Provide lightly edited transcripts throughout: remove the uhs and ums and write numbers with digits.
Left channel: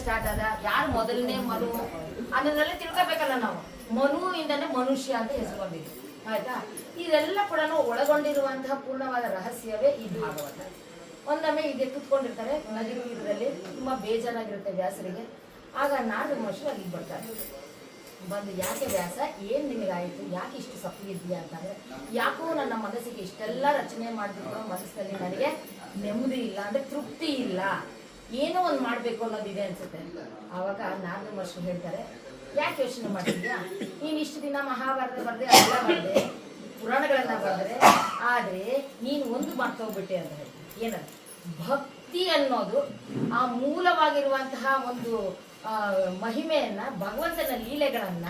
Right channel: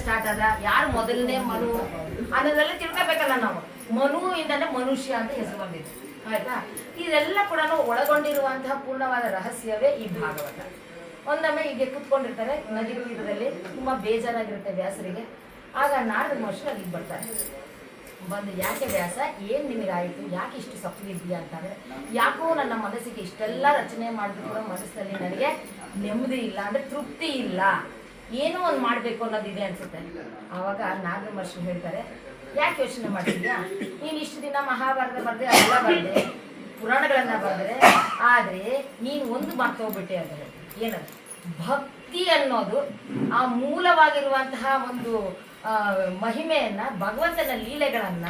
Start ಆದ ಯಾರು ಮೊದಲನೇ ಮನು ಅನ್ನೋದೆಲ್ಲ ತಿಳ್ಕೊಬೇಕಲ್ಲ ನಾವು. ಮನು ಇಂದನೇ ಮನುಷ್ಯ ಅಂತ ಹೆಸರು ಬಂದಿದೆ. ಆಯ್ತಾ? ಇದೆಲ್ಲ ಕೂಡ ಒಳಗೊಂಡಿರುವಂತಹ ಪೂರ್ಣವಾದ ರಹಸ್ಯವೇ ಈ ಭಾಗವತ. ಒಂದೊಮ್ಮೆ ಹೀಗೆ ಕೂತ್ಕೊಂಡಿರ್ತಾರೆ ನದಿ ತೀರದಲ್ಲಿ, ತುಂಬಾ ಬೇಜಾರಾಗಿರುತ್ತೆ ವ್ಯಾಸರಿಗೆ. ಆಗ ನಾರದ ಮಹರ್ಷಿ ಅಲ್ಲಿಗೆ ಬರ್ತಾರೆ. ಬಂದು, ಯಾಕೆ ವ್ಯಾಸ, ಏನ್ ನಿನಗಾಯಿತು, ಯಾಕೆ ಇಷ್ಟು ಸಪ್ಪಗಿದ್ದೀಯಾ ಅಂತಂದ್ರೆ, ಯಾಕೋ ನನ್ನ ಮನಸ್ಸಿಗೆ ಇಷ್ಟೆಲ್ಲ ರಚನೆ ಮಾಡಿದ್ರು ಕೂಡ ಮನಸ್ಸಿನಲ್ಲಿ ನನಗೆ ನೆಮ್ಮದಿ ಇಲ್ಲ, ಅಂದ್ರೆ ತೃಪ್ತಿ ಇಲ್ಲ, ಏನೋ ಒಂದು ಮಾಡ್ಬೇಕು ಅನ್ನೋದಿದೆ ಅನ್ಸುತ್ತೆ. ಆವಾಗ ನಾರದ ಮಹರ್ಷಿ ಹೇಳ್ತಾರೆ, ಯಾಕೆ ಯೋಚನೆ ಮಾಡಿದ್ಯಾ, ನೀನ್ ಇಷ್ಟು ದಿನ ಮಹಾಭಾರತ ಬರ್ದೆ, ಎಲ್ಲ ಬರ್ದೆ, ಪುರಾಣಗಳನ್ನ ಬರೆದ್ರೆ, ಆದ್ರೆ ನೀನು ಒಂದು ಮರ್ತೋಗ್ಬಿಟ್ಟೆ ಅಂತ ಹೇಳ್ತೀನಿ. ಏನದು? ಭಕ್ತಿ ಅನ್ನೋದು ಆ ಮೂಲವಾಗಿರುವಂತಹ ಒಂದು ಮಹಿಮೆಯನ್ನ, ಭಗವಂತನ ಲೀಲೆಗಳನ್ನ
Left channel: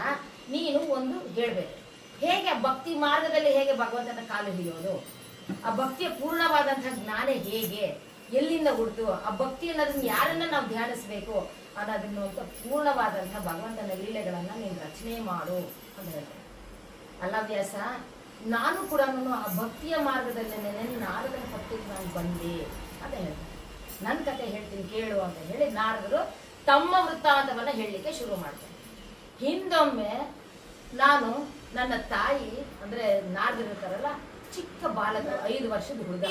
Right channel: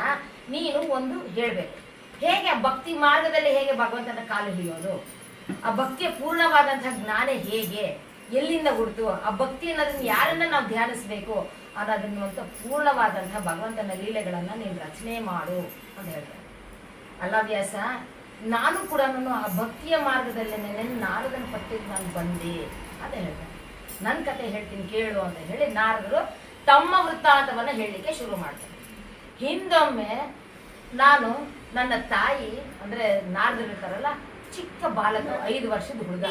ನೀನು ಒಂದು ಹೇಳ್ಬೇಕು. ಹೇಗೆ ಆ ಭಕ್ತಿ ಮಾರ್ಗದಲ್ಲಿ ಹೇಗೆ ಭಗವಂತನ ಕಾಲು ಹಿಡಿಯೋದು, ಆ ಭಕ್ತಿಯ ಪೂರ್ಣವಾದಂತಹ ಜ್ಞಾನ ಹೇಗೆ, ಎಲ್ಲಿಂದ ಹುಡ್ತು, ಆ ಭಕ್ತಿ ಅನ್ನೋದನ್ನ ಯಾರನ್ನ ನಾವು ಧ್ಯಾನಿಸ್ಬೇಕು ಅನ್ನೋದನ್ನ ಪೂರ್ಣವಾದಂತಹ ಭಗವಂತನ ಲೀಲೆಗಳನ್ನ ನೀನು ರಚನೆ ಮಾಡು ಅಂತ ಹೇಳ್ತಾರೆ. ಅಲ್ಲ ವ್ಯಾಸ, ನಾನು ಕೂಡ ಆ ಭಕ್ತಿಯ ಮಾರ್ಗದಲ್ಲೇನೆ ನಾರದನ ಪಟ್ಟಿಗೆ ನಾನು ಬಂದೆ ಅಂತ ಹೇಳ್ತಾರೆ. ನನ್ನ ಕತೆ ಹೇಳ್ತೀನಿ ಕೇಳು ಅಂತ ಹೇಳಿ ನಾರದರು ತಮ್ಮ ವೃತ್ತಾಂತವನ್ನ ಹೇಳಲಿಕ್ಕೆ ಶುರು ಮಾಡ್ತಾರೆ. ಹಿಂದೊಮ್ಮೆ ನಾನು ನನ್ನ ತಾಯಿ, ಅಂದ್ರೆ ನಾರದರು ಇರ್ತಾರಲ್ಲ, ಚಿಕ್ಕ ಬಾಲಕ, 5 ವರ್ಷದ ಹುಡುಗ,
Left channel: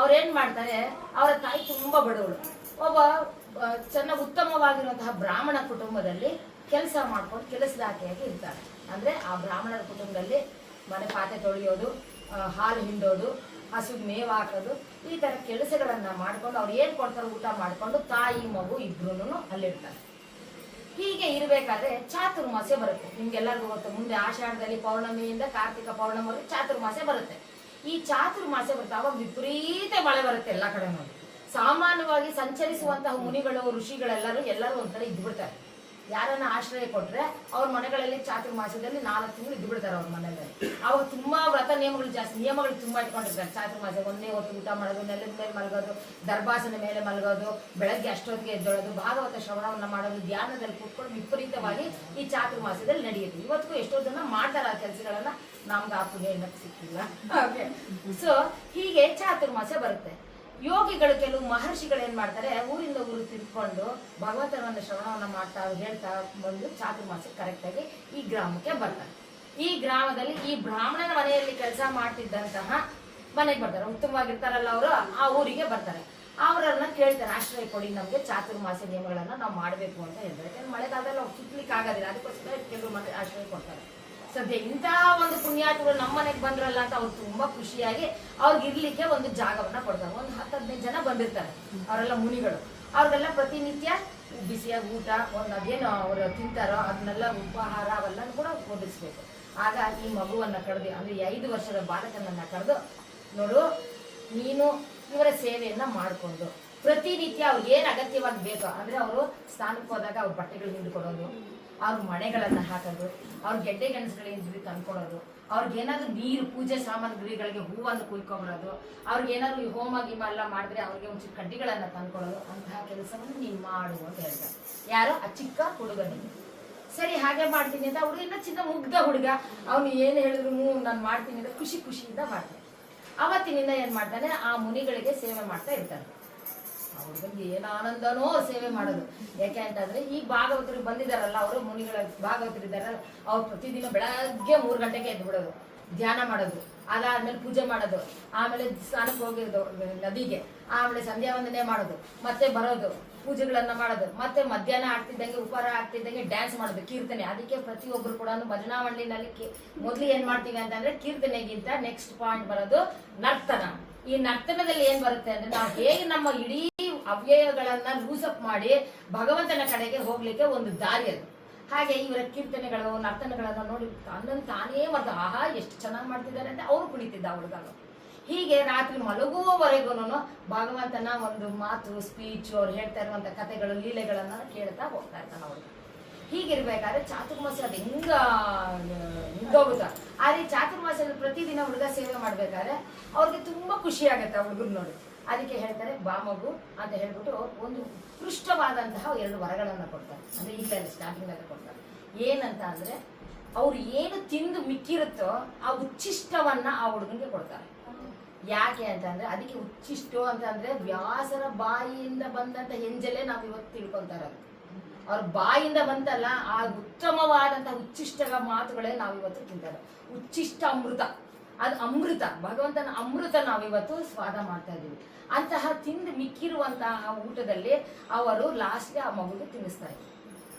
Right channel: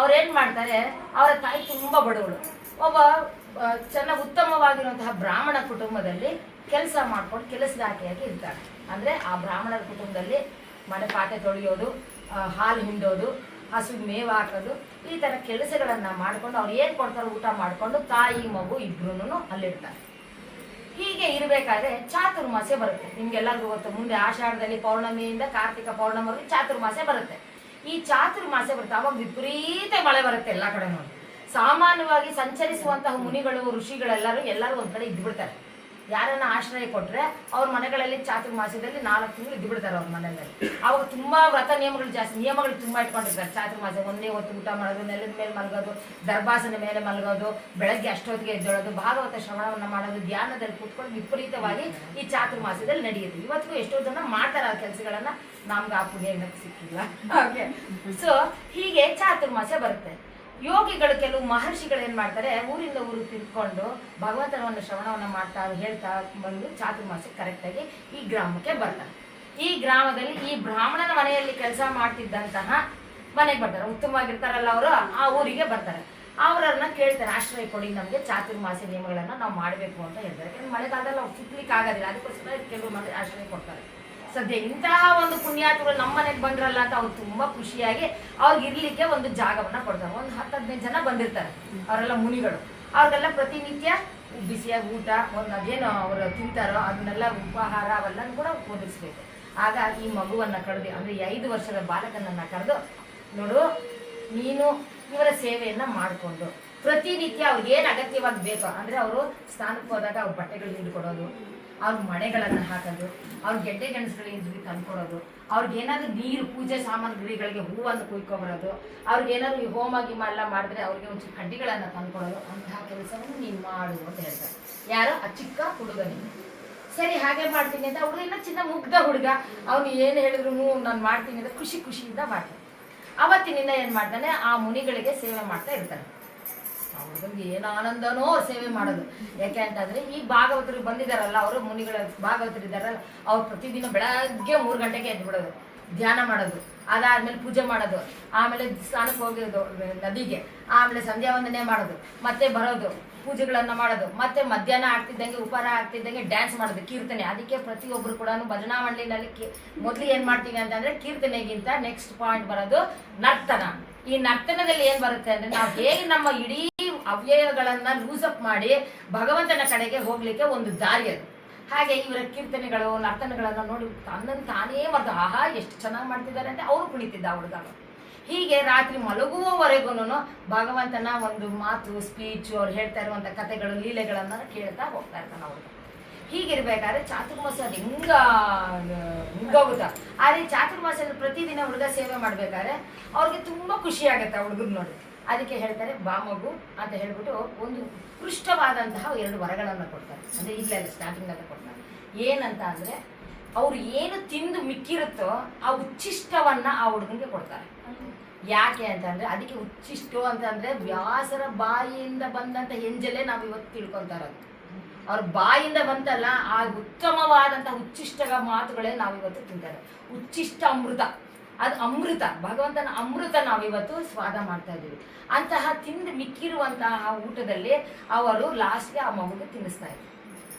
ಅವ್ರೇನ್ ಮಾಡ್ತಾರೆ, ಅವರ ತಾಯಿ ತುಂಬಾ ಬಡವಳು, ಒಬ್ಬ ಚೆನ್ನಾಗಿ ಉತ್ತಮವಾಗಿರುವಂತಹ ಬ್ರಾಹ್ಮಣ ಕುಟುಂಬದಲ್ಲಿ ಕೆಲಸ ಮಾಡ್ಕೊಂಡು ಕೆಲಸದಾಕೆಯಾಗಿ ಇರ್ತಾಳೆ. ಅಂದ್ರೆ ಆ ಬ್ರಾಹ್ಮಣರ ಕುಟುಂಬದಲ್ಲಿ ಮನೆ ಪಾತ್ರೆ ತೊಳೆಯೋದು, ಹಾಲು ಹಿಂಡೋದು, ಹಸುಗೆ ಮೇವು ಹಾಕೋದು, ಈ ತರ ಕೆಲಸಗಳನ್ನ ಮಾಡ್ಕೊಂಡು ಅವ್ರು ಏನ್ ಕೊಡ್ತಾರೋ ಊಟ ಮಾಡ್ಕೊಂಡು ತಾಯಿ ಮಗು ಇಬ್ರು ಅಲ್ಲಿರ್ತಾರೆ. ಹೀಗೆ ಇರ್ಬೇಕಾದ್ರೆ ಚಾತುರ್ಮಾಸ್ಯ ಬರುತ್ತೆ. ನಿಮ್ಗೆಲ್ಲರಿಗೂ ಗೊತ್ತು, ಮುಂದೆ ಆಷಾಢದಲ್ಲಿ ಪೌರ್ಣಮಿಯಿಂದ ಕಾರ್ತಿಕ ಪೌರ್ಣಮಿವರೆಗೆ ಚಾತುರ್ಮಾಸ್ಯ ಬರುತ್ತೆ. ಈ ಚಾತುರ್ಮಾಸ್ಯ ಬರುತ್ತೆ, ಅವಾಗ ವಿಪರೀತ ಮಳೆ ಬರುತ್ತೆ ಎಲ್ಲ ಕಡೆ. ಸಾಮಾನ್ಯವಾಗಿ ಸಂಚರಿಸುವಂತಹ ಮುನಿಗಳು, ಋಷಿಗಳೆಲ್ಲರೂ ಒಂದ್ ಕಡೆ ಇದ್ದು ಬಿಡ್ತಾರೆ. ಯಾರನ್ನ ಆಶ್ರಯ ಕೊಟ್ರೆ ಅವ್ರ ಮನೆಗಳಲ್ಲಿ ಚಾತುರ್ಮಾಸ್ಯದಲ್ಲಿ 4 ತಿಂಗಳು ಇದ್ದು ಬಿಡ್ತಾರೆ ಅವ್ರ ಮನೆಯಲ್ಲಿ. ಅವಾಗ ತುಂಬಾ ವ್ರತ ನಿಯಮಗಳು ಜಾಸ್ತಿ, ನಿಯಮಗಳು ತುಂಬಾ ಇಟ್ಕೊಂಡಿರ್ತಾರೆ. ಚಾತುರ್ಮಾಸ್ಯ ಒಂದೇ ಹೊತ್ತು ಊಟ ಮಾಡೋದು, ನೆಲದ ಮೇಲೆ ಮಲಗೋದು, ದರ್ಭಾಸನ ಮೇಲೆ ಮಲಗೋದು, ಬೆಳಗ್ಗೆ ಅಷ್ಟೊತ್ತಿಗೆ ಎದ್ದೇಳೋದು, ಭಾಗವತ ಶ್ರವಣವನ್ನ ಮಾಡೋದು, ಧ್ಯಾನದಲ್ಲಿ ಕೂತ್ಕೊಂಡು ವಿಪರೀತವಾಗಿ ಈ ಚಾತುರ್ಮಾಸ್ಯದಲ್ಲಿ ನಡೆಯುತ್ತೆ. ಇವತ್ತಿಗೂ ಎಷ್ಟೋ ಜನ ಮಾಡ್ತಾರೆ ಆ ಕೆಲಸಗಳನ್ನ, ನಮ್ಗೆ ಆ ಪುಣ್ಯ ಏನಕ್ಕೆ ಸಿಕ್ಕಿಲ್ಲ. ಓಕೆ, ಸೊ ಹೀಗೆ ಚಾತುರ್ಮಾಸ್ಯ ಬರುತ್ತೆ. ಯೋಗಿಗಳು, ಕೆಲವು ಮಹರ್ಷಿಗಳು ಏನ್ ಮಾಡ್ತಾರೆ, ಊರಿಂದ ಊರು ತಿರ್ಕೊಂಡು ಭಗವಂತನವನ್ನ ಶ್ರವಣವನ್ನ ಮಾಡ್ತಾ ಹೇಳ್ತಾ ಬಂದು ಚಾತುರ್ಮಾಸ್ಯ ಕರೆಕ್ಟ್ ಆಗಿ ಈ ಗ್ರಾಮಕ್ಕೆ ಬರ್ತಾರೆ. ಈ ಗ್ರಾಮದಲ್ಲಿ ಈ ಬ್ರಾಹ್ಮಣನ ಮನೆಯಲ್ಲಿ ಕೆಲಸ ಮಾಡ್ತಿದ್ದಂತಹ ಮನೆಗೆ ಬರ್ತಾರೆ. ಉತ್ತಮವಾಗಿರ್ತಾರಲ್ಲ ಅವರು, ಆ ಊರಿಗೆ ಬರ್ತಾರೆ. ಅವರನ್ನ ಕೇಳ್ತಾರೆ, ಆಶ್ರಯ ಕೊಡಿ, ನಮ್ಗೆ ಚಾತುರ್ಮಾಸ್ಯ ನಿಯಮಗಳನ್ನ ನಾವು ಮಾಡ್ಬೇಕು ಅಂತ ಹೇಳ್ತಾರೆ. ಮಳೆಗಾಲದಲ್ಲಿ ಅವ್ರು ಸುತ್ತಲಿಕ್ಕೆ ಆಗೋದಿಲ್ಲ, ಅದಕ್ಕೋಸ್ಕರ ಕೆಲವು ಮಂದಿ ಆಶ್ರಯ ಕೊಡ್ತಾರೆ. ಸದ್ಯ ಇಂತಹ ಒಂದು ಪುಣ್ಯಾತ್ಮಗಳು ನಮ್ಮ ಮನೆಗೆ ಬಂದ್ರಲ್ಲ ಅಂತ ಅವ್ರು ತುಂಬಾ ಖುಷಿಯಾಗಿ ಅವ್ರಿಗೆ ಇರ್ಲಿಕ್ಕೆ ಒಂದು ಜಾಗವನ್ನ ಕೊಡ್ತಾರೆ. ಒಂದು 10-15 ಜನ ಬಂದಿರ್ತಾರೆ, ಅವರೆಲ್ಲ ಮುನಿಗಳು. ಅವ್ರಿಗೆಲ್ಲ ಪ್ರತಿನಿತ್ಯ ಬಿಸಿಯಾಗಿ ಊಟ, ಒಂದು ಅದೇನು ಅವರು ತಿಂತಾರೋ ಅದನ್ನೆಲ್ಲ ಉಪಹಾರ ಅವೆಲ್ಲ ಕೂಡ ಒದಗಿಸ್ಬೇಕು. ಆಗ ಈ ಮಗುವನ್ನ ಕರೆದು, ಅಂದ್ರೆ 5 ವರ್ಷದ ಬಾಲಕನನ್ನ ಕರೆದು, ನೋಡು, ನೀನು ಇವರ ಸೇವೆಯನ್ನ ಮಾಡಿಕೊಂಡು ಪ್ರತಿನಿತ್ಯ ಅವ್ರಿಗೆ ಏನ್ ಅಗತ್ಯವಾಗಿ ಬೇಕೋ, ಅಂದ್ರೆ ಅವರು ಸ್ನಾನಕ್ಕೆ ಹೋದಾಗ ಅವ್ರ ಬಟ್ಟೆಗಳು ಹಿಂಡ್ಕೊಡೋದು, ಅವ್ರ ಮನೆಗಳನ್ನ ಹಾಕೋದು, ಅವ್ರ ಗೆಡ್ಡೆ ಗೆಣಸುಗಳಿಗೆ ತಂದ್ಕೊಡೋದು, ಅವ್ರಿಗೇನಾದ್ರು ನೀರು, ಪೂಜೆ ಸಾಮಗ್ರಿಗಳಿಗೆ ಹೂವನ್ನು ಕುಯ್ಕೊಂಬರೋದು, ಅವ್ರಿಗೇನಾದ್ರು ಹೋಮ ಗಿಮ ಎಲ್ಲ ಮಾಡಿದ್ರೆ ಅವ್ರಿಗೆ ಒಂಚೂರು ಕಡ್ಡಿಗಳನ್ನ ತಂದ್ಕೊಡೋದು, ಅಂತಹ ಕೆಲಸವನ್ನು ನೀನ್ ಮಾಡು ಅಂತ ಹೇಳ್ತಾರೆ. ಯಾರು? ಆ ಚಿಕ್ಕ ಹುಡುಗನಿಗೆ. ಸರಿ, ಹಾಗೆ ಮಾಡ್ತೀನಿ ಅಂತ ಹುಡುಗ, ಇನ್ನ ಚಿನ್ನ ಮುಗ್ಧ ಹುಡುಗ, ಅವನು ಏನು ಹೇಳಿದ್ರು ನಾನು ಮಾಡ್ತೀನಿ ಅಂತ ಖುಷಿಯಿಂದ ಮಾಡ್ತಾನೆ. ಅವತ್ತಿನಿಂದ ಏನ್ ಮಾಡ್ತಾನೆ, ಆ ಮುನಿಗಳಿಗೆ ಸೇವೆ ಮಾಡ್ತಾ ಇರ್ತಾನೆ. ಅವ್ರಿಗೆ ಏನು ಆನಂದನೋ ಸೇವೆ ಮಾಡೋದು. ಯಾಕೆ ಅಂತಂದ್ರೆ ಈ ಭಾಗವತರು ಬಂದಿದಾರಲ್ಲ, ಅವರು ಮುನಿಗಳ ಭಾಗವತರು ಇದ್ದಾರಲ್ಲ, ಅವ್ರು ಪ್ರತಿದಿನ ಬೆಳಗ್ಗೆ 3 ಗಂಟೆಗೆ ಎದ್ದು ಬಿಡೋದು, ಧ್ಯಾನ ಮಾಡೋದು, ಅದಾದ್ಮೇಲೆ ಪೂಜೆ ಮಾಡೋದು, ಆಮೇಲೆ ಸ್ನಾನಕ್ಕೆ ಹೋಗಿರೋದು ನದಿಗೆ, ಆಮೇಲೆ ಸಂಧ್ಯಾ ವಂದನೆ ಮಾಡೋದು, ಮತ್ತೆ ಬರೋದು, ಪೂಜೆಗಳನ್ನ ಮಾಡೋದು, ಮತ್ತೆ ಮಧ್ಯಾಹ್ನ ಆಗ್ತಿದ್ದಂಗೆ ಉಪಹಾರ ಆಗ್ತಿದ್ದಂಗೆ ಡ್ಯಾನ್ಸ್ ಮಾಡೋದು, ಕೀರ್ತನೆ. ಅದಕ್ಕೆ ಪ್ರತಿಯೊಬ್ರು ಕೂಡ ಭಜನಾ ಮಂಡಳಿನಲ್ಲಿ ಮೊದ್ಲು ಏನ್ ಮಾಡ್ತೀವಿ ಅಂತಂದ್ರೆ, ಕೀರ್ತನೆಗಿಂತ ನೆಕ್ಸ್ಟ್ ಪಾಯಿಂಟ್ ಬರೋದು ನರ್ತನ. ಈ ನರ್ತನದಲ್ಲಿ ಏನ್ ಬರುತ್ತೆ ಅಂದ್ರೆ, ನಾವು ಹೇಗೆ ನಮ್ಮ ಇಡೀ ಅವ್ಯಯಗಳನ್ನ ಲೂಸಪ್ ಮಾಡಿ ಭಗವಂತನ ಕಡೆಗೆ ಹೋಗ್ಲಿಕ್ಕೆ ಒಂದು ದಾರಿ ಅದು. ಹಾಗೆ ಇವರ ಕೀರ್ತನೆಗಳು, ನರ್ತನಗಳನ್ನ ನೋಡಿ ತನ್ನನ್ನು ತಾನೇ ಮತ್ತು ಆಹಾ ಎಷ್ಟು ಚೆನ್ನಾಗಿ ಮಾಡ್ತಿದ್ದಾರೆ ಅಂತ ಅವರು ಕುಣಿತಿದ್ದ ಹುಡುಗ. ಹೀಗೆ ರಾತ್ರಿ ಮಲಗುವವರೆಗೂ ಭಗವಂತನ ಒಂದು ಮಾತು, ಸ್ಪೀಚ್, ಅವ್ರು ಹೇಳ್ತಾ ಇರುವಂತ ಕಥೆಗಳು, ಲೀಲೆಗಳನ್ನ ಕೇಳ್ತಾ ಹೋಗ್ತಾ ಇರ್ತಾನೆ ಅವ್ರಿಗೆ. ಹೀಗಿರ್ಬೇಕಾದ್ರೆ ಚಾತುರ್ಮಾಸ್ಯ ಅದು ಹಿಂಗೋಗುತ್ತ. ಆದ್ರೆ ಚಾತುರ್ಮಾಸ್ಯದಲ್ಲಿ ಪ್ರತಿದಿನ ಹುಡುಗ ಸೇವೆ ಮಾಡ್ಬೇಕಾದ್ರೆ ಅವ್ರಿಗೆ ತುಂಬಾ ಖುಷಿ ಆಗತ್ತೆ ಆ ಹುಡುಗರು ನೋಡಿ. ಅದಕ್ಕೆ ಹೇಳ್ತಾರೆ, ಬಾ ಮಗು ಅಂತ ಹೇಳ್ಬಿಟ್ಟು ಒಂದು ಉತ್ಕೃಷ್ಟವಾದಂತಹ 2 ವರಗಳನ್ನ ಕೊಡ್ತಾರೆ. ಅಂದ್ರೆ ಈಗಲೇ ಸ್ಟಾರ್ಟಿಂಗ್ ಅಂತ ಕೊಡ್ತಾರೆ. ಏನಂತ ಅಂದ್ರೆ, ಅವ್ರು ಏನು ತಿಂದು ಮಿಕ್ಕಿರುತ್ತೋ ಆ ಉಚ್ಚಿಷ್ಟವನ್ನ ಆ ಹುಡುಗನಿಗೆ ಕೊಡ್ತಾರೆ. ಯಾಕೆ ಅಂತಂದ್ರೆ, ಅದಕ್ಕೆ ಉಚ್ಚಿಷ್ಟು ಅಂತಂದ್ರೆ ವ್ಯಾಸರ ಬಾಯಿಯಿಂದ ಬಂದಂತ ಹೆಂಜಲೇ ನಾವು ಇವತ್ತು ತಿಳ್ಕೊಂತ ಇರೋದು. ಅವ್ರ ಬಾಯಿಂದ ಬಂತಲ್ಲ ಆ ಉತ್ತಮವಾದಂತ ಉಚ್ಚಿಷ್ಟ ಮಾತುಗಳೇ ನಾವಿವತ್ತು ತಿಂತಾರೆ. ಉಚ್ಚಿಷ್ಟ ಅಮೃತ, ಅದು ಅಮೃತ, ಭಗವಂತನ ಅಮೃತ ನಾವಿವತ್ತು ಸ್ವಾದ ಮಾಡ್ತಾ ಇದ್ದೀವಿ. ಅಂತಹ ತಿಂದು ಮಿಕ್ಕಿರುವಂತಹ ಊಟದಲ್ಲಿ ಅವರು ಲಾಸ್ಟ್ಗೆ ಆ ಮಗುಗೆ ತಿನ್ನಿಸ್ತಾ ಇದ್ರು.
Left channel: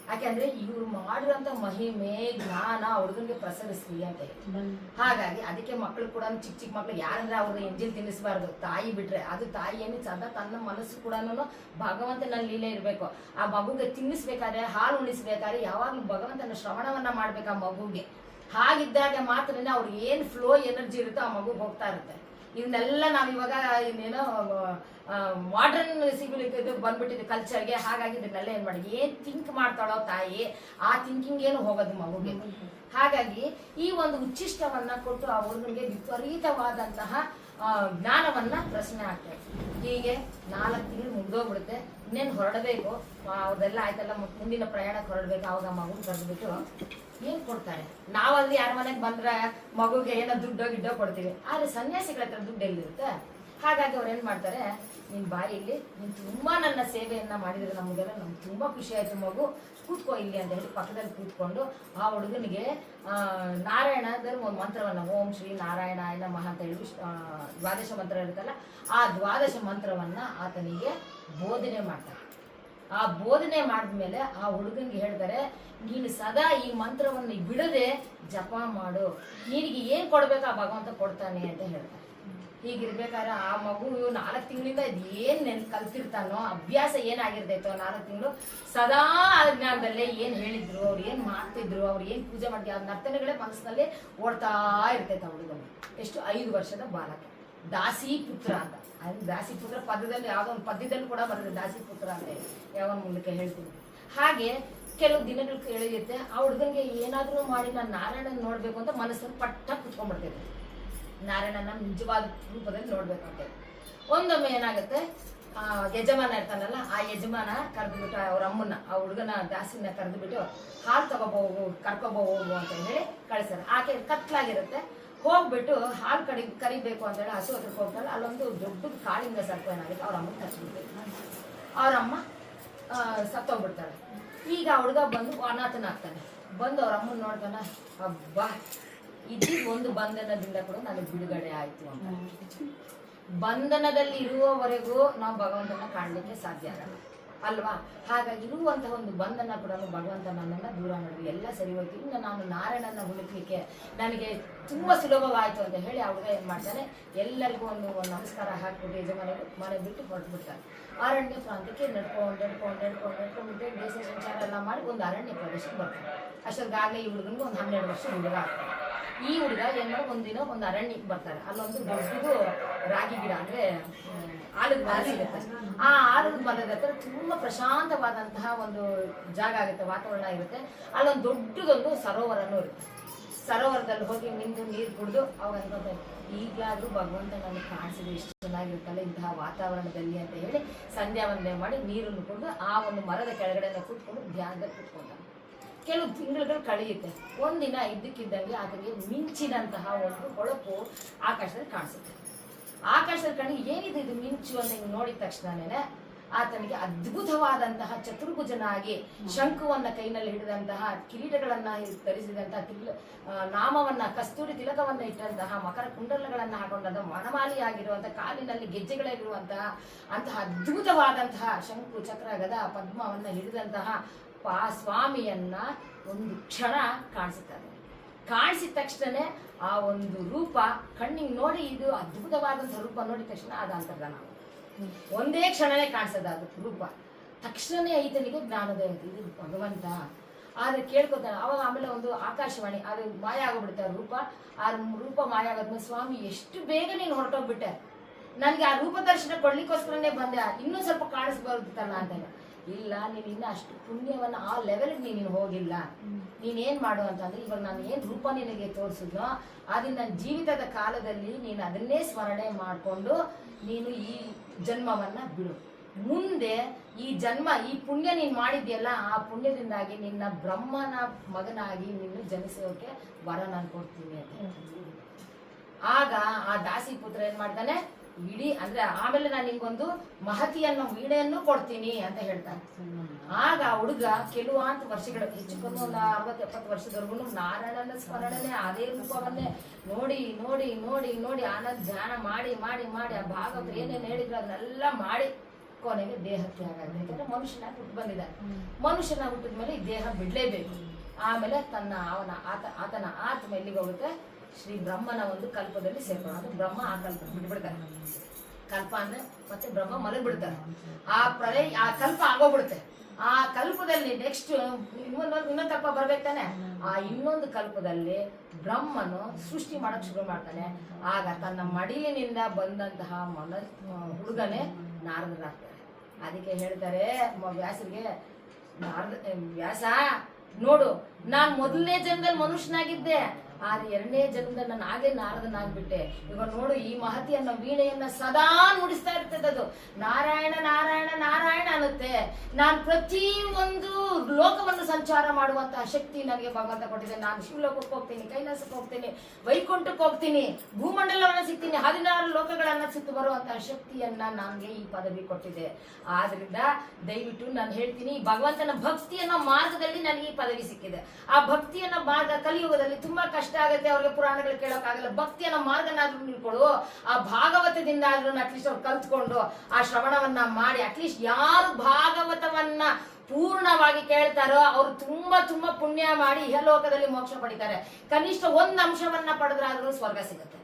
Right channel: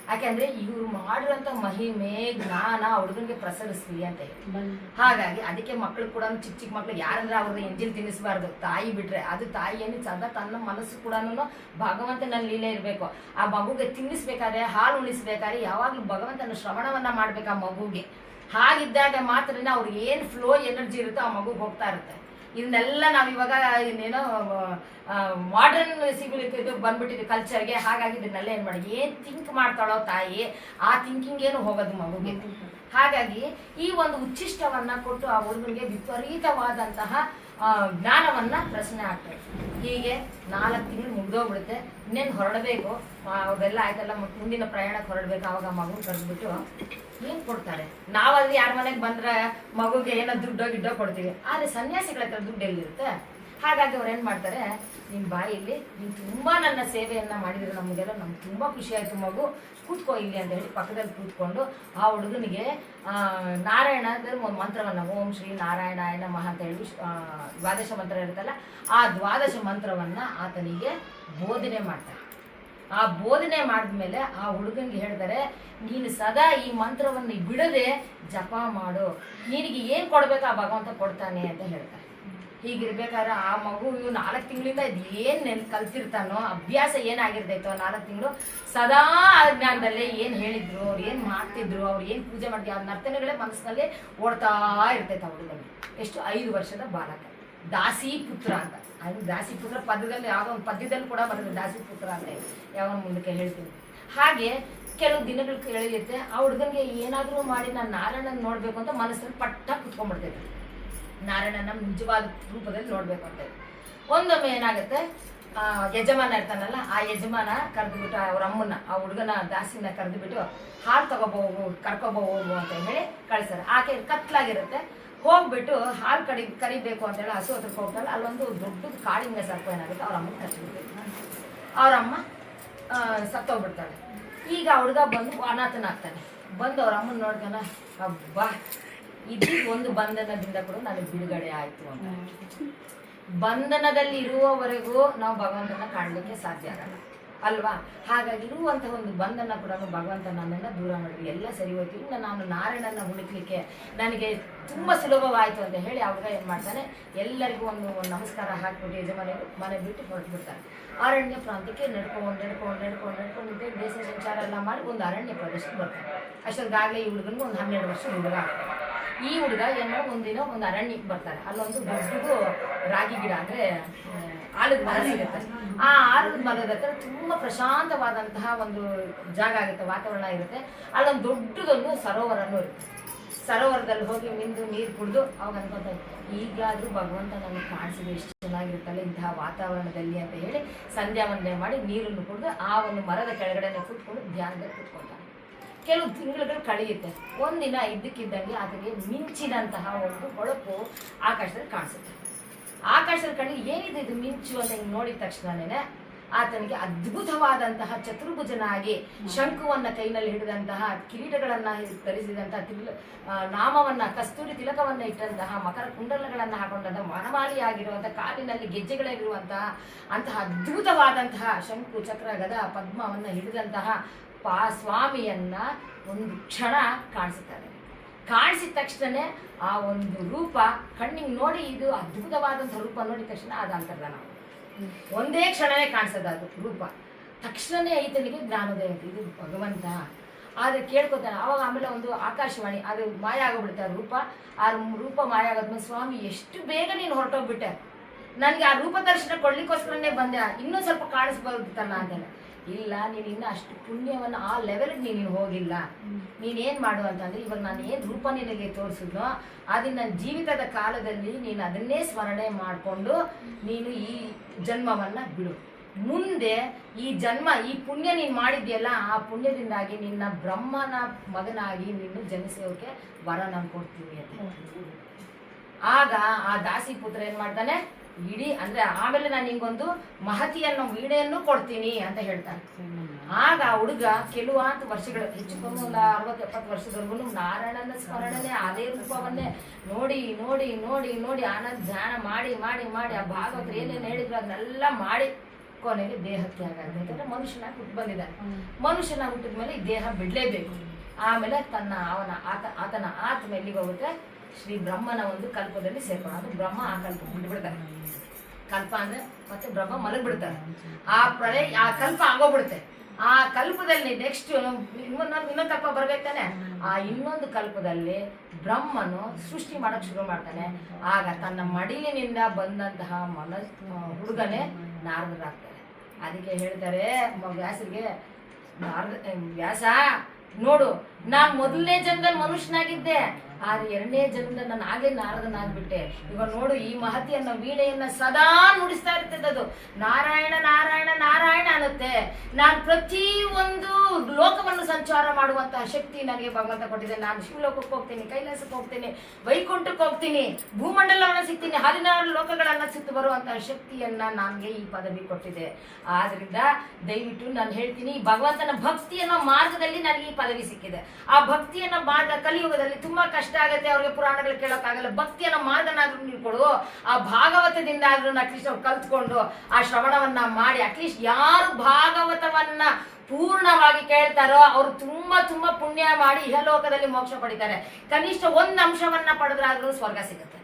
ಯಾಕೆಂದ್ರೆ ಇವ್ರು ಮಾಡಿರುವಂತ ಮಹಿಮೆ ಜ್ಞಾನ ಹುಡುಗನಿಗೆ ಪ್ರಸರಿಸ್ಲಿ ಅಂತ ಹೇಳಿ. ಹಾಗಾಗಿ ಅದಕ್ಕೆ ಮಕ್ಳು ಕೂಡ ಚಿಕ್ಕ ಚಿಕ್ಕ ಮಕ್ಳು ಯಾರಂದ್ರೆ ಅವ್ರನ್ನ ಎಂಜಿಲ್ ತಿನ್ನಿಸ್ಬಾರ್ದು, ತಾಯಿ ಬಿಟ್ರೆ ಅದು ತಾಯಿ ಏನು ಸದಾ ತನ್ನ ಮನಸ್ಸು ಕೂಡ ಭಗವಂತನ ಲೀಲೆ ಇರ್ಬೇಕು. ಆ ಮಗುಗೆ ತಿನ್ನಿಸ್ಬೇಕಾದ್ರೆ, ಹಾಲು ಉಣಿಸ್ಬೇಕಾದ್ರೆ ಯಾವಾಗ್ಲೂ ಭಗವಂತನ ಶ್ರವಣವನ್ನ ಮಾಡ್ಬೇಕು ಆ ಮಗುಗೆ. ಹಾಗಿದ್ದಾಗ ಮಾತ್ರ ಅವ್ರಿಗೆ ಏನ್ ಫ್ಲೋ ಎನರ್ಜಿ ಇರುತ್ತೋ ಆ ಮಗುಗೆ ಹೋಗ್ತಾ ಇರುತ್ತೆ. ಇದನ್ನೆಲ್ಲ ನಾವ್ ಇವಾಗ ಇನ್ನೇನೋ ಮಾಡರ್ನ್ ಸಿಗ್ಲಿಕ್ಕೆ ಬಂದ್ಬಿಟ್ಟಿದೆ ಕಲ್ಚರ್ಗೆ. ಹಾಗಾಗಿ ಇದನ್ನೆಲ್ಲ ಏನ್ ಮಾಡಿ ಏನ್ ಥಿಂಕ್ ಮಾಡ್ತಾಳೋ ತಾಯಿ, ಆ ಥಿಂಕಿಂಗ್ ಏನು ಹೋಗೋದು ಮಗುಗೆ. ಹಾಗಾಗಿ ಈ ಒಂದು ಉಚ್ಚಿಷ್ಟವನ್ನ ಕೊಟ್ಟು ಆ ಹುಡುಗನಿಗೆ ವಿಪರೀತವಾದಂತಹ ಜ್ಞಾನವನ್ನ ಪ್ರಶ್ನೆ ಆಗ್ತದೆ. ಹೀಗೆ 4 ತಿಂಗಳು ಮುಗ್ದೋಗ್ಬಿಡುತ್ತೆ. ಇನ್ನೇನು ಹೊರಡಬೇಕು, ಅವ್ರದೆಲ್ಲ ಆಯ್ತಲ್ಲ, ಮುಂದಿನ ಪ್ರಯಾಣಕ್ಕೆ ಹೊರಡ್ಬೇಕು. ಅವಾಗ ಮಗು ಕರೆದ್ಬಿಟ್ಟು ಏನ್ ಕೊಡ್ತಾರೆ. ನಾವಲ್ಲಿ ಯಾರ ಮನೆಗೆ ಬಂದ್ರೆ ಮಗುಗೆ ಏನೋ ದುಡ್ಡೋ ಗಿಡ್ಡೋ ಕೊಡ್ತೀವಿ, ಆದ್ರೆ ಸನ್ಯಾಸಿಗಳ ಹತ್ರ ದುಡ್ಡು ಎಲ್ಲಿರುತ್ತೆ. ಹಾಗಾಗಿ ಅವ್ರು ಏನ್ ಮಾಡ್ತಾರೆ, ನಿನ್ ಬಾಯಲ್ಲಿ ನೀನ್ ತುಂಬಾ ನನ್ನ ಸೇವೆಯನ್ನ ಮಾಡಿದ್ರೆ ನಮಗೆಲ್ಲ ನಮ್ಗೆ ತುಂಬಾ ಖುಷಿ ಆಯ್ತು, ಮಗು ಕೂತ್ಕೋ ಇಲ್ಲಿ ಅಂತ ಹೇಳಿ ಪಕ್ಕದಲ್ಲಿ ಕೂತ್ಕೊಂಡು ಆ ಹುಡುಗನಿಗೆ ನಾರಾಯಣದಲ್ಲಿ ಒಂದು ಮಂತ್ರವನ್ನ, ಓಂ ಶ್ರೀ ನಾರಾಯಣಾಯ ನಮಃ ಅಂತ ಹೇಳಿ ದ್ವಾದಶ ಮಂತ್ರ ಇರುತ್ತಲ್ಲ, ಆ ದ್ವಾದಶ ಮಂತ್ರವನ್ನ ಆತನಿಗೆ ಬೋಧನೆ ಮಾಡ್ತಾರೆ. ಆ ಬೋಧನೆ ಮಾಡಿದ್ಮೇಲೆ ಆ ಹುಡುಗನಿಗೆ ಹೇಳ್ತಾರೆ, ನೀನು ಸದಾ ಈ ಮಂತ್ರವನ್ನು ಬಿಡದೆ ಜಪ ಮಾಡು, ನಿನಗೆ ಏನ್ ಕೊಡ್ಬೇಕು ಆ ಭಗವಂತ ಕೊಡ್ತಾನೆ ಅಂತ ಹೇಳ್ತಾರೆ. ಹೀಗಿರ್ಬೇಕಾದ್ರೆ ಆ ಮಗು 4 ತಿಂಗಳಿಂದ ಏನ್ ಕಲ್ತಿರ್ತಾನೋ, ಅಭ್ಯಾಸ ಏನಾಗಿರ್ತೈತೋ 4 ತಿಂಗಳು ಸದಾ ಜ್ಞಾನದಲ್ಲೇ ಏನ್ ಹೇಳಿದ್ರು, ಅವ್ರು ಏನ್ ಮಾಡ್ತಿದ್ರು, ಅವ್ರು ಏನ್ ಪೂಜೆ ಮಾಡ್ತಿದ್ರು, ಅವ್ರ ನರ್ತನೆಗಳೇ ಮನಸ್ಸಿನಲ್ಲಿ ಓಡ್ತಾ ಇರ್ತೈತೆ ಆ ಹುಡುಗನಿಗೆ. ಎಷ್ಟು 5 ವರ್ಷದ ಬಾಲಕ, ದಾಸಿ ಪುತ್ರ ಅಂತ. ಅದು ದಾಸಿ ಪುತ್ರ ಪದದಲ್ಲಿ ಯಾವುದೋ ಒಂದು ಪದ್ಯದಲ್ಲಿ ಕೂಡ ಬರ್ತದೆ ದಾಸಿ ಪುತ್ರ ಅಂತ, ಯಾವಾಗ ಮುಂದಕ್ಕೆ ಹೇಳ್ತೀನಿ. ಹಾಗೆ ಕೆಲವು ದಿನಗಳು ಎಳೆಯುತ್ತೆ. ಆ ಹುಡುಗನಿಗೆ ಏನಾದ್ರೂ ಮಾಡಿ ನಾನು ನಾರಾಯಣನ ನೋಡ್ಬೇಕು ಅಂತ ಮನಸ್ಸಲ್ಲಿ ಪಟ್ಟ ಕುತ್ಕೊಂಡ್ಬಿಡ್ತೈತೆ. ನಾರಾಯಣನ ನಿಜವಾದ ರೂಪದಲ್ಲಿ ನೋಡ್ಬೇಕು ಅಂತ. ಒಂದೊಮ್ಮೆ ಏನಾಗುತ್ತೆ, ಯಜಮಾನ ಇರ್ತಾನಲ್ಲ, ಆ ಯಜಮಾನ ಕರೆದ್ಬಿಟ್ಟು ಅವ್ರ ಅಮ್ಮನ, ಆ ಹುಡುಗನ ದಾಸಿನ ಕರೆದ್ಬಿಟ್ಟು ಹಾಲು ತಗೋಬಹುದು ಕರ್ಕೊಬಹುದು ಅಂತ ಹೇಳಿ ಕಳಿಸ್ತಾರೆ. ಆಕೆ ಕತ್ಲಾಗಿರುತ್ತೆ. ಹೋಗ್ಬಿಟ್ಟು ಹಾಲು ಕರಿಬೇಕು ಅಂತ ಹೇಳಿ ಹಸು ಹತ್ರಕ್ಕೆ ಹೋಗ್ತಾಳೆ. ಅಲ್ಲೊಂದು ದೊಡ್ಡ ಕಾಳಿಂಗ ಸರ್ಪ ಏನಾಗುತ್ತೆ, ಅವ್ರ ಅಮ್ಮ ಕಚ್ಚಿಬಿಡ್ಬೇಕು. ಅವ್ರಮ್ಮ ಸತ್ತೋಗ್ಬಿಡ್ತಾಳೆ. ಈಗ ಹುಡುಗ ಬಂದು ಅನಾಥನಾಗ್ತಾನೆ. ಬಂದು ಅವ್ರ ಅಮ್ಮನ ನೋಡ್ತಾನ, ಹಬ್ಬ ಇದು ಒಂದು ಬಂಧನದಿಂದ ಕೂಡ ನನಗೆ ಬಿಡುಗಡೆ ಆಯ್ತು ಅಂತ. ಬಂಧನದಲ್ಲಿ ಇರುವವರೆಗೂ ನಾವು ಭಗವಂತನ ಕಾಣಲಿಕ್ಕೆ ಸಾಧ್ಯ ಆಗಲ್ಲ ಅಲ್ವಾ. ಹಾಗಾಗಿ ಇರುವಂತಹ ಒಂದು ಬಂಧನ ಕೂಡ ಭಗವಂತ ನನ್ನನ್ನು ದೂರ ಮಾಡಿದ್ರು, ಎಲ್ಲ ಸರಿ ಹೋಯ್ತು. ಇನ್ನು ನಾನು ನಾರಾಯಣನ ಹುಡುಕ್ಲಿಕ್ಕೆ ನನಗೆ ತುಂಬಾ ಸುಲಭವಾಯ್ತು ಅಂತ ಹೇಳಿ ಹುಡುಗ ಏನ್ ಮಾಡ್ತಾನೆ, ಎಲ್ಲರಿಗೂ ಒಂದು ನಮಸ್ಕಾರ ಹಾಕ್ಬಿಟ್ಟು ಯಜಮಾನಿಗೂ ಮನೆ ಬಿಟ್ಟು ಹೊರಟು ಬಿಡ್ತಾನೆ. ಅರಣ್ಯ ಪ್ರಾಂತ್ಯಕ್ಕೆ ನಡ್ಕೊಂಡು ದೇಶ ಸಂಚಾರ ಎಲ್ಲ ಮಾಡಿ ಒಂದು ಅರಣ್ಯ ಪ್ರದೇಶಕ್ಕೆ ಬರ್ತಾನೆ. ಅಷ್ಟೊಂದಾಗಲೇ ಈ ಹುಡುಗನಿಗೆ ಒಂದು 12 ವರ್ಷ ಹುಡುಗ. ಈ ಹುಡುಗ ಏನೋ ಒಂದಿನ ಒಂದು ಅರಣ್ಯಕ್ಕೆ ಬರ್ತಾರೆ. ಅಲ್ಲೊಂದು ದೊಡ್ಡದು ರಾಗಿ ಗಿಡ, ಅಂದ್ರೆ ಆಲದ ಮರ ಸಿಗುತ್ತೆ. ಆ ಆಲದ ಮರದ ಹತ್ರ ತುಂಬಾ ಪ್ರಶಾಂತವಾದಂತಹ ಒಂದು ಜಾಗ ಆಗುತ್ತೆ, ವಾತಾವರಣ ಇರುತ್ತೆ. ಅಲ್ಲೊಂದು ದೊಡ್ಡದೊಂದು ಸರೋವರನೂ ಇರುತ್ತೆ. ಸರೋವರದಲ್ಲಿ ಹೋಗಿ ಮಿಂದು ನೀರು ಕುಡಿದು ಅವಾಗ ಅನ್ಕೊಂತಾರೆ, ಈಗಲಾದ್ರೂ ಭಗವಂತ ನನಗೆ ಕಾಣಿಸಿದ್ರೆ ಎಷ್ಟು ಚೆನ್ನಾಗಿರುತ್ತಲ್ಲ ಇಂತಹ ವಾತಾವರಣದಲ್ಲಿ ಅಂತ ಹೇಳಿ ಸಂಧ್ಯಾ ವಂದನೆ ಮಾಡಿ ನೀರನ್ನು ಕುಡಿದು ಆ ಒಂದು ಮರದ ಕೆಳಗಡೆ ಕೂತ್ಕೊಂಡು ಧ್ಯಾನದಲ್ಲಿ ಕೂತ್ಕೊಂತಾರೆ. ಕೆಲವು ತಿಂಗಳುಗಳು ಕಳೆಯುತ್ತೆ. ಒಂದಿನ ಇದ್ದಕ್ಕಿದ್ದಂಗೆ ಆತನಿಗೆ ಮಿಂಚಿನಂತಹ ಒಂದು ಹೊಳಪು ಆಕಾಶದಲ್ಲಿ ಕಾಣಿಸುತ್ತೆ. ಆಕಾಶದಲ್ಲಿ ಕಣ್ಣಿಗೆ ಏನಿದೆ ಇದು ಮಿಂಚು ಅಂತ ಹಿಂಗೆ ನೋಡಿದ ತಕ್ಷಣನೇ ಆತನಿಗೆ ಅದ್ಭುತವಾದಂತಹ ಚತುರ್ಭುಜನಾಗಿ ಶಂಕುವನ್ನ ಕೈನಲ್ಲಿ ಹಿಡಿದಂತಹ, ಕಿರೀಟಗಳನ್ನ ಧರಿಸಿದಂತಹ, ನಾಮವನ್ನ ಕಸ್ತೂರಿ ತಿಲಕವನ್ನ ಇಟ್ಟಂತಹ, ಮಕರ ಕುಂಡಲಗಳನ್ನ ಹಾಕೊಂಡಂತಹ, ವನಮಾಲಿಯಾಗಿರುವಂತಹ, ಕಾಲಿನಲ್ಲಿ ಗೆಜ್ಜೆಗಳಿರುವಂತಹ ಅಂತಹ ಅದ್ಭುತವಾದಂತಹ ಶಂಕು ಚಕ್ರ ಗದ ಪದ್ಮವನ್ನ ಹಿಡಿದಂತಹ ಸ್ವಾಮಿಯನ್ನ ಒಂದು ಕ್ಷಣ ಕಾಣಿಸುತ್ತಾರೆ. ಕಾಣಿಸಿದ ತಕ್ಷಣ ಆ ಒಂದು ರೂಪ ಕಣ್ಣಿಗೆ ನೋಡಿ, ಇದು ಅದ್ಭುತವಾದಂತಹ ರೂಪ ನೋಡಿದ ತಕ್ಷಣ ಅದು ಅಂತರ್ಧಾನ ಒಂದೇ ಕ್ಷಣನೇ ಕಾಣಿಸೋದು ಅದು ರೂಪ. ತಕ್ಷಣನೇ ಈತನಿಗೆ ಜ್ಞಾನೋದಯ ಆಯ್ತು, ಇದು ಭಗವಂತ. ಆದ್ರೆ ಕೇಳ್ಕೊತಾನೆ. ಅವಾಗ ಆಮೇಲೆ ಒಂದು ಆಕಾಶವಾಣಿ, ಅದು ಮಾಯ ಆಗೋಗ್ಬಿಡುತ್ತೆ ಆ ರೂಪ. ಆ ರೂಪ ಮಾಯ ಆಗೋದ್ಮೇಲೆ, ಸ್ವಾಮಿ ಎಷ್ಟು ಬೇಗ ನೀನು ಹೊರಟೋಗ್ಬಿಟ್ಟೆ, ನನ್ಗೆ ಆ ರೂಪ ದರ್ಶನ ಕೊಡ್ಲಿಕ್ಕೋಸ್ಕರನೇ ಬಂದೆ, ಇನ್ನೂ ಸ್ವಲ್ಪ ಕಾಣಿಸ್ಬೋದಿತ್ತಲ್ಲ ಅಂತಾನೆ. ಇಲ್ಲ, ನೀನು ಇನ್ನು ಅಷ್ಟು ಪುಣ್ಯವನ್ನ ಆ ಲೆವೆಲ್ಗೆ ನೀನು ಹೋಗಿಲ್ಲ. ನೀನೇನ್ ಮಾಡು ಅಂತಂದ್ರೆ, ಇವಾಗ ನಾನು ಏನ್ ರೂಪ ನಿನಗೆ ತೋರಿಸಿದ್ನೋ ಅದನ್ನ ನನ್ನ ಜೀವಿತದ ಕಾಲದಲ್ಲಿ ನೀನು ಅದನ್ನೇ ಸ್ಮರಣೆ ಮಾಡಿಕೊಂಡು ನೀನು ಈ ಜನ್ಮವನ್ನ ಬಿಡು. ಮುಂದೆ ಈ ಜನ್ಮ, ಈ ಪುಣ್ಯ ನೀನು ಮಾಡಿದ್ಯಲ್ಲ, ಆ ಪುಣ್ಯದಿಂದಾಗಿ ನಿನ್ನ ಬ್ರಹ್ಮನ ಮಗನಾಗಿ ನೀನು ಜನಿಸೋಕೆ ವರ ನಾನು ಕೊಡ್ತೀನಿ ಅಂತ. ಆಗ ಆ ದಾಸಿ ಪುತ್ರ ಏನ್ ಮಾಡ್ತಾನೆ, ಇಡೀ ಅಂದ್ರೆ ಆಮೇಲೆ ನಾನು ನಿಂಗೊಂದು ಮಹತಿಯನ್ನು ವೀಣೆಯನ್ನು ಕೊಡ್ತೀನಿ ಅಂತ ಹೇಳ್ತಾನೆ. ಆಗ ಆ ಹುಡುಗ ಕೆಲವಾರು ವರ್ಷಗಳು ಹೆಚ್ಚು ಕಮ್ಮಿ ಒಂದು 60-70 ವರ್ಷದವರೆಗೂ ನಾರಾಯಣನ ಸ್ಮರಣನೆ ಅದೇ ರೂಪವನ್ನೇ ನೋಡಿ ನೋಡಿ ನೋಡಿ ನೋಡಿ ಆನಂದ ಧ್ಯಾನ ಮಾಡಿ ಮಾಡಿ ಮಾಡಿ ಆ ಭಾಗವತರು ಏನೇನು ಹೇಳಿದ್ರು ಅದನ್ನೆಲ್ಲ ಮಾಡಿ ಕೊನೆಗೆ ದೇಹಕ್ಕೆ ಆಗುತ್ತೆ. ಯಾಕಂದ್ರೆ ಮನುಷ್ಯನಾಗಿ ಹುಟ್ಟು ಬಂದಿದ್ದಾನೆ. ಮನುಷ್ಯನಾಗಿ ಹುಟ್ಟಿದ ಮೇಲೆ ಈ ದೇಹ ಬಿಡ್ಲೇಬೇಕು. ಆಮೇಲೆ ಆತನ ಆತ್ಮ ಎಲ್ಲಿಗೆ ಹೋಗುತ್ತೆ? ಶ್ರೀ ಬ್ರಹ್ಮನ ಒಂದು ಕಲ್ಪದಲ್ಲಿ ಸೇರ್ಕೊಂಡು, ಅದು ಬ್ರಹ್ಮ ಆ ಕಲ್ಪ ಬಿಟ್ಬಿಡ್ತಾರೆ. ಕಲ್ಪ ಅಂದ್ರೆ ಮತ್ತೆ ಬ್ರಹ್ಮ ಮಲಗ್ಬಿಡ್ತಾರೆ. ಆ ಕಲ್ಪ ಆಗೋಗ್ಬಿಡುತ್ತೆ. ಆ ಕಲ್ಪದಲ್ಲಿ ನೆಕ್ಸ್ಟ್ ಇನ್ನೊಂದು ಕಲ್ಪ ಬರ್ಬೇಕು ತಾನೆ. ಆ ಇನ್ನೊಂದು ಕಲ್ಪದಲ್ಲಿ ಬ್ರಹ್ಮನು ಸೃಷ್ಟಿ ಮಾಡಕ್ ಶುರು ಮಾಡ್ತಾನೆ. ಆಗ ತನ್ನ ಮಡಿಲಿನಿಂದ ಬಂದಂತಹ ಹುಡುಗನೇ ನಾರದರಾಗ್ತಾರೆ. ಅದಕ್ಕೆ ಹೇಳ್ತಾರೆ ವ್ಯಾಸರಿಗೆ, ವ್ಯಾಸ ನೋಡು, ನಾನ್ ಮೊದಲನೇ ಜನ್ಮದಲ್ಲಿ ಮನುಷ್ಯನಾಗಿದ್ದೆ, ಆದ್ರೆ 2ನೇ ಜನ್ಮದಲ್ಲಿ ನಾನು ಆಗ್ಲೇ ನಾರದನಾಗ್ಬಿಟ್ಟೆ. ಈಗ ನೋಡು, ಈ ಮಹತಿಯನ್ನ ವೀಣೆಯನ್ನ ಸದಾ ನುಡಿಸ್ತಾ ಇರ್ತದೆ. ಅದು ನಾರಾಯಣ ನಾರಾಯಣ ನಾರಾಯಣ ಅನ್ನುತ್ತೆ. ನಾನು ಪ್ರತಿ ಒಂದು ಲೋಕವನ್ನು ಸಂಚಾರ ಮಾಡುವಂತಹ ಶಕ್ತಿ ನನಗೆ ಭಗವಂತ ಕೊಟ್ಟಿದೆ. ನಾನು ಶಿವಲೋಕಕ್ಕೆ ಹೋಗ್ತೀನಿ, ಕೈಲಾಸಕ್ಕೆ ಹೋಗ್ತೀನಿ, ವೈಕುಂಠಕ್ಕೆ ಹೋಗ್ತೀನಿ, ಭೂಮಂಡಲವನ್ನು ಸಿಗ್ತೀನಿ, 16 ಲೋಕಗಳನ್ನ ಸುತ್ತು ಬರುವಂತಹ ಶಕ್ತಿಯನ್ನ ನನಗೆ ಈ ಪದವಿ ಕೊಟ್ಟಿದೆ. ಆದ್ರಿಂದ ದಯವಿಟ್ಟು ನಾನು ಹೇಳ್ತೀನಿ, ಭಗವಂತನ ಭಕ್ತಿಯನ್ನೋ ಮಾರ್ಗದಲ್ಲಿ ನನಗೆ ಈ ಪದವಿ ಸಿಕ್ಕಿದೆ. ಆ ಭಕ್ತಿಯನ್ನ ಮಾರ್ಗ ಕಲಿಯುಗದಲ್ಲಿ ತುಂಬಾ ಕಷ್ಟ ಆಗುತ್ತೆ. ಅವ್ರಿಗೆ ಪುರಾಣಗಳು ಕೇಳೋಕ್ಕಾಗಲ್ಲ. ಭಕ್ತಿಯನ್ನ ಮಾರ್ಗನಾದ್ರೂ ನೀಡ್ಕೊಡು. ಆ ಭಾಗವತದಿಂದ ಆದ್ರೂ ಅಟ್ಲೀಸ್ಟ್ ಅವ್ರು ಕಲ್ತ್ಕೊಂಡು ಆ ಶ್ರವಣವನ್ನ ಮಾಡಿ, ಅಟ್ಲೀಸ್ಟ್ ಯಾರು ಭಾಗವತವನ್ನ ಪೂರ್ಣವಾಗಿ ಕೇಳ್ತಾರೋ ಅವ್ರು ತುಂಬಾ ತುಂಬಾ ಪುಣ್ಯ ಮಾಡಿ ಇಹಲೋಕದಲ್ಲಿ ಮೋಕ್ಷ ಪಡಿತಾರೆ. ಕನಿಷ್ಠ ಒಂದು ಅಂಶವನ್ನ ಪಡೆದ್ರಾದ್ರೂ ಸ್ವರ್ಗ ಸಿಗುತ್ತೆ.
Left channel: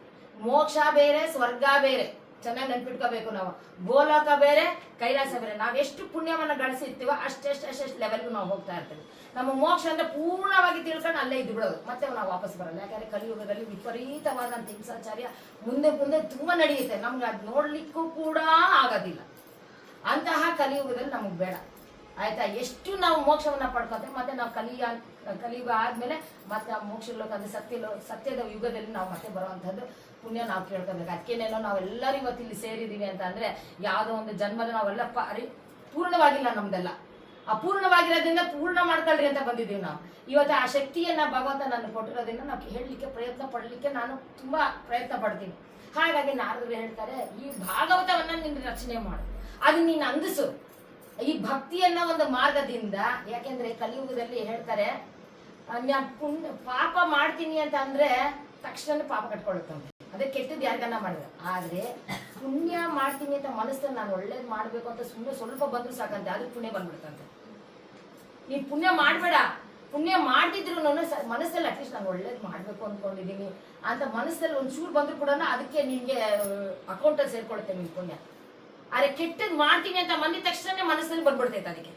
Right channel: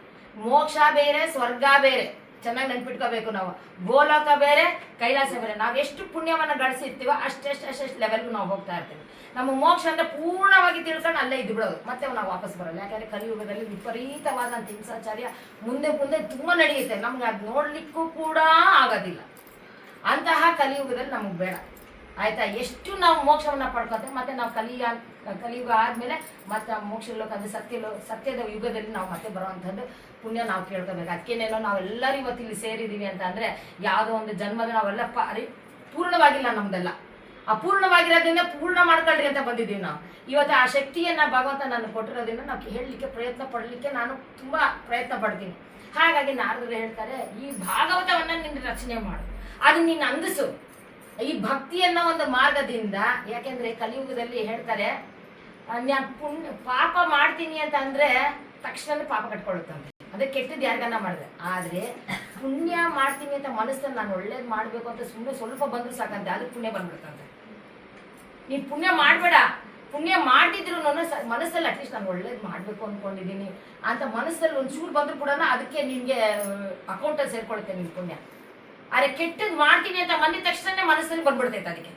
ಮೋಕ್ಷ ಬೇರೆ, ಸ್ವರ್ಗ ಬೇರೆ. ಚೆನ್ನಾಗಿ ನೆನ್ಪಿಟ್ಕೋಬೇಕು. ನಾವು ಗೋಲೋಕ ಬೇರೆ, ಕೈಲಾಸ ಬೇರೆ. ನಾವ್ ಎಷ್ಟು ಪುಣ್ಯವನ್ನ ಗಳಿಸಿರ್ತೀವೋ ಅಷ್ಟೆಷ್ಟು ಲೆವೆಲ್ಗೂ ನಾವು ಹೋಗ್ತಾ ಇರ್ತೀವಿ. ನಮ್ಮ ಮೋಕ್ಷ ಅಂದ್ರೆ ಪೂರ್ಣವಾಗಿ ತಿಳ್ಕೊಂಡು ಅಲ್ಲೇ ಇದ್ದು ಬಿಡೋದು, ಮತ್ತೆ ನಾವು ವಾಪಸ್ ಬರೋದು. ಯಾಕಂದ್ರೆ ಕಲಿಯುಗದಲ್ಲಿ ವಿಪರೀತವಾದಂತ ಹಿಂಸಾಚಾರ್ಯ ಮುಂದೆ ಮುಂದೆ ತುಂಬಾ ನಡೆಯುತ್ತೆ. ನಮ್ಗೆ ಅದು ನೋಡ್ಲಿಕ್ಕೂ ಕೂಡ ಆಗೋದಿಲ್ಲ. ಅಂತಹ ಕಲಿಯುಗದಲ್ಲಿ ನಮಗ್ ಬೇಡ, ಆಯ್ತಾ? ಎಷ್ಟು ನಾವು ಮೋಕ್ಷವನ್ನ ಪಡ್ಕೊತೀವಿ, ಮತ್ತೆ ನಾವು ಕಲಿಯುಗ ಆದ್ಮೇಲೆ ಮತ್ತೆ ಮೋಕ್ಷ ಲೋಕ ಅಂದ್ರೆ ಸತ್ಯದ ಯುಗದಲ್ಲಿ ನಾವು ಮತ್ತೆ ಬರುವಂತದ್ದು ಪುಣ್ಯ ನಾವು ಕೇಳ್ಕೋಬೇಕು. ಅದಕ್ಕೇನೇನೋ ನಾವೆಲ್ಲರೂ ಇವತ್ತು ಇಲ್ಲಿ ಸೇರಿದೀವಿ ಅಂತ ಅಂದ್ರೆ ಯಾವುದೋ ಒಂದು ಜನ್ಮದ ನಾವೆಲ್ಲ ಪೂರ್ಣವಾಗಿಲ್ಲ. ನಮ್ದೆಲ್ಲ ಅಪೂರ್ಣವಾಗಿರೋದ್ರಿಂದ ಪೂರ್ಣ ಮಾಡ್ಕೊಳ್ರಿ ಅಂತ ಬಂದಿದ್ದೀವಿ ನಾವು. ಇವತ್ತು ಆ ಶಕ್ತಿಯನ್ನ ಭಗವಂತ ನಾನು ಕೊಟ್ಟಿರೋದ್ರಿಂದ ನಾವು ಹೇಳಲಿಕ್ಕೆ ಪ್ರಯತ್ನ ಪಡ್ಲಿಕ್ಕೆ ನಾನು ತುಂಬಾ ಪ್ರಯತ್ನ ಪಡ್ತೀನಿ. ಹಾಗಾಗಿ ನಾರದರು ಹೇಳ್ತಾರೆ, ಈ ಭಾಗವತವನ್ನ ನಿನ್ನ ರಚನೆ ಮಾಡು, ಅದು ನೀನು ಅಂದಿಸು ಈ ಭಕ್ತಿಯನ್ನ ಒಂದು ಮಾರ್ಗದಿಂದ. ಯಾಕೆಂದ್ರೆ ಕಲಿಯುಗದಲ್ಲಿ ಹೇಳ್ತಾರೆ, ನಾನು ಪಾಪ ಮಾಡ್ತೀನಿ ಅಂತ ಅಂದ್ರೆ ತಕ್ಷಣ ಪಾಪ ಕಟ್ಕೊಳ್ಳುತ್ತಂತೆ. ಅದೇ ಕೆಟ್ಟದ್ದು ಯಾರಿಗನ್ನ ಮಾಡಿದ್ರೆ. ಆದ್ರೆ ಪುಣ್ಯ ಮಾಡ್ತೀನಿ ಅಂತ ಮನಸ್ಸಲ್ಲಿ ನಾನು ಒಳ್ಳೇದ್ ಮಾಡ್ಬೇಕು ಅಂತ ಸುಮ್ಮನೆ ಸ್ವಲ್ಪ ಬಂದ್ರು ಸಾಕಂತೆ, ಅದಕ್ಕೆ ಪುಣ್ಯ ಬಂದ್ಬಿಡುತ್ತಂತೆ. ನೀನ್ ಪುಣ್ಯ ಮಾಡ್ಬೇಡ, ಪುಣ್ಯ ಮಾಡ್ತಿದ್ರು ಮನಸ್ಸಲ್ಲಿ ಅಟ್ಲೀಸ್ಟ್ ನಾನು ಒಳ್ಳೇದ್ ಮಾಡ್ಬೇಕು ಅನ್ಕೊಂಡಿದೀನಿ ಅಂತ ಮನಸ್ಸಲ್ಲಿ ಒಂಚೂರು ಬಂದ್ರು ಕೂಡ ಅದಕ್ಕೆ ನಿನ್ಗೆ ಅಕೌಂಟಲ್ಲಿ ಸೇರ್ಕೊಳುತ್ತೆ ನಿನ್ ಪುಣ್ಯ. ಆದ್ರೆ ಕೆಟ್ಟದ್ ಮಾಡ್ತೀನಿ ಅಂತ ಬಂದಿದ ತಕ್ಷಣ ಮನಸ್ಸಲ್ಲಿ ಬಂದ್ಬಿಡ್ತೈತೆ.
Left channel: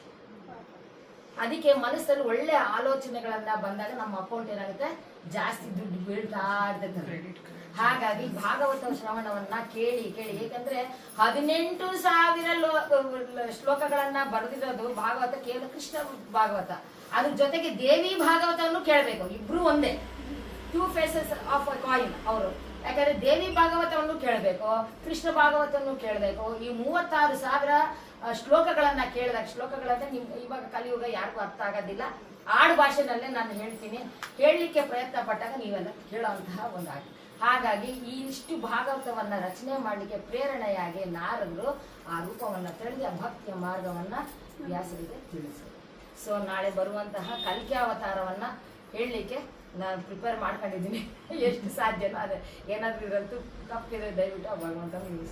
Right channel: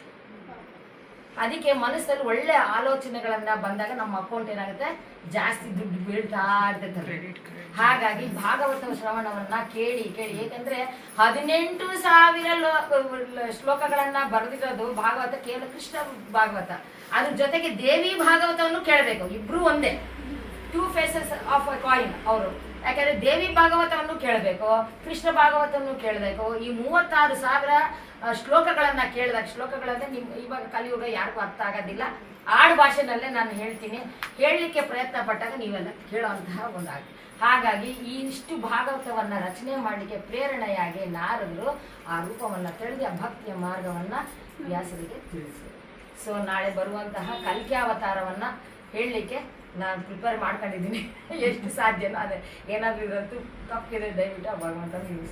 ಅದಕ್ಕೆ ಮನಸ್ಸಲ್ಲಿ ಒಳ್ಳೆ ಆಲೋಚನೆಗಳನ್ನ ಬಂದಾಗ ನಮ್ಮ ಅಕೌಂಟ್ ಏನಾಗುತ್ತೆ, ಜಾಸ್ತಿ ದುಡ್ಡು ಬೀಳ್ತಾ ಇರ್ತೈತೆ. ಹಾಗಾಗಿ ಭಾಗವತ ಶ್ರವಣವನ್ನ ಕೇಳಿ ಕೇಳಿ, ಏಕೆಂದ್ರೆ 18,000 ಶ್ಲೋಕಗಳನ್ನ ಬರೆದಿರೋದು ಭಾಗವತ ಕೇವಲ ಕೃಷ್ಣ ಭಾಗವತ. ಅದ್ರ ಜೊತೆಗೆ ದೇವಿ ಭಾಗವತವನ್ನು ಕೇಳಬೇಕು. ಇಬ್ರು ಒಂದೇ, 2 faces ಆಫ್ ಅ ಕಾಯಿನ್ ಅವರು. ಯಾಕಂದ್ರೆ ದೇವಿ ಭಾಗವತವನ್ನು ಕೇಳಬೇಕು, ಕೃಷ್ಣ ಭಾಗವತವನ್ನು ಕೇಳಬೇಕು. ಈ 36,000 ಶ್ಲೋಕಗಳನ್ನ ಕೇಳಿದಾಗ, ಶ್ಲೋಕಗಳಂದ್ರೆ ಇವಾಗ ಕಲಿಯುಗ ಯಾರಿಗೂ ಅರ್ಥ ಆಗೋದಿಲ್ಲ, ಆಡು ಭಾಷೆನಲ್ಲೇ ನಾನು ಹೇಳ್ತೀನಿ. ಹೇಳಲಿಕ್ಕೆ ಪ್ರಯತ್ನ ಪಟ್ಟಾಗ ನೀವೆಲ್ಲ ಕೇಳುವಂತಹ ಒಂದಾಗಿ. ಹಾಗಾಗಿ ಈ ಇಷ್ಟು ಭಾಗವತವನ್ನ ರಚನೆ ಮಾಡಲಿಕ್ಕೆ ಪ್ರೇರಣೆಯಾಗಿ ನಾರದರು ಆ ರೂಪವನ್ನ ತಿಳಿದು ಆ ಭಕ್ತಿಯ ಮಾರ್ಗವನ್ನ ವ್ಯಾಸರಿಗೆ ತಿಳಿಸಿದರು. ಸೊ ನಾಳೆ ಬರುವಂತಹ ಕಲ್ಕಿ ಅವತಾರವನ್ನ ಹೇಳಲಿಕ್ಕೆ ನಾನು ಪ್ರಿಪೇರ್ ಮಾಡ್ಕೊಂಡಿದ್ದೀನಿ. ಎಷ್ಟು ಸಾಧ್ಯನೋ ಅದೇ. ಏನಾದ್ರೂ ಇರಂತೂ ತಪ್ಪಿದೆ ದಯವಿಟ್ಟು ಭಗವಂತ ನೀವು